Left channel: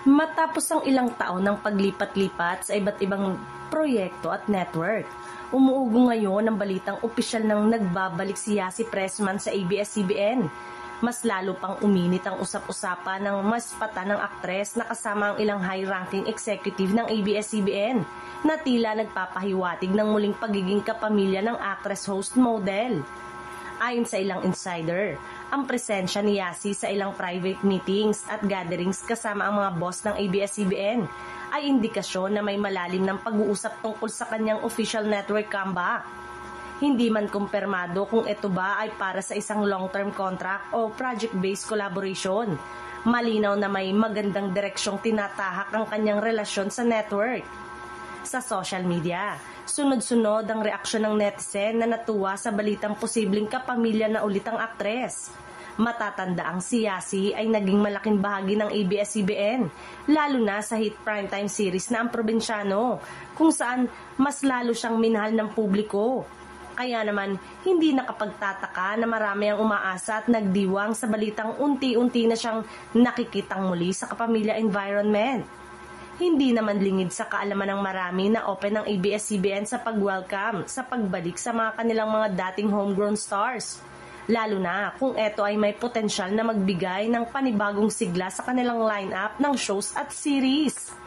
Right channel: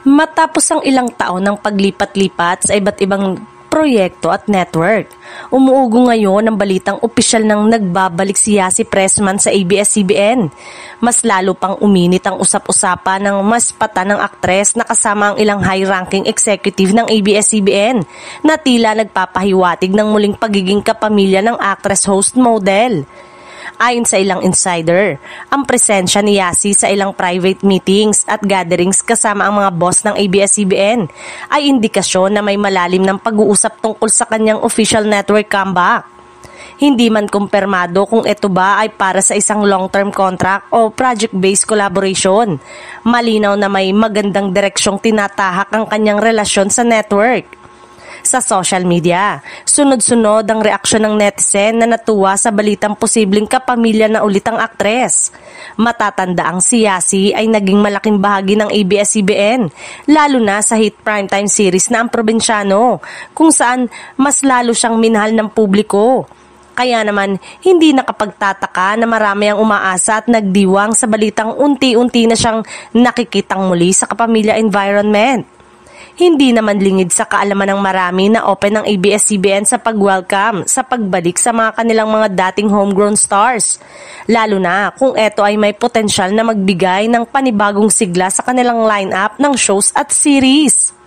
Matapos ang ilang taon ng paglipat-lipat sa iba't ibang proyekto at network, umuugo ngayon ang balitang opisyal ng nagbabalik si Yasi Pressman sa ABS-CBN. Mas lalo pang uminit ang usap-usapan ng mas pata ng aktres na kasama ang ilang high-ranking executive ng ABS-CBN na tila nagpapahiwatig ng muling pagiging kapamilya ng actress-host model. Ayon sa ilang insider, ang presensya ni Yasi sa ilang private meetings at gatherings kasama ang mga boss ng ABS-CBN ay indikasyon na may malalim ng pag-uusap tungkol sa kanyang official network comeback. Hindi man kumpirmado kung ito ba ay para sa isang long-term contract o project-based collaboration. Malinaw na may magandang direksyong tinatahak ang kanyang relasyon sa network. Sa social media, sunod-sunod ang reaksyon ng netizen na natuwa sa balitang posibleng kapamilya na ulit ang aktres. Matatanda ang si Yasi ay naging malaking bahagi ng ABS-CBN, lalo na sa hit primetime series na Ang Probinsyano, kung saan mas lalo siyang minahal ng publiko. Kaya naman, hindi nakapagtataka na marami ang umaasa at nagdiwang sa balitang unti-unti na siyang nakikitang muli sa kapamilya environment. Hindi naman lingid sa kaalaman ng marami na open ang ABS-CBN sa pag-welcome sa pagbalik sa mga kanilang mga dating homegrown stars. Lalo na kung ito ay may potensyal na magbigay ng panibagong sigla sa kanilang lineup ng shows at series.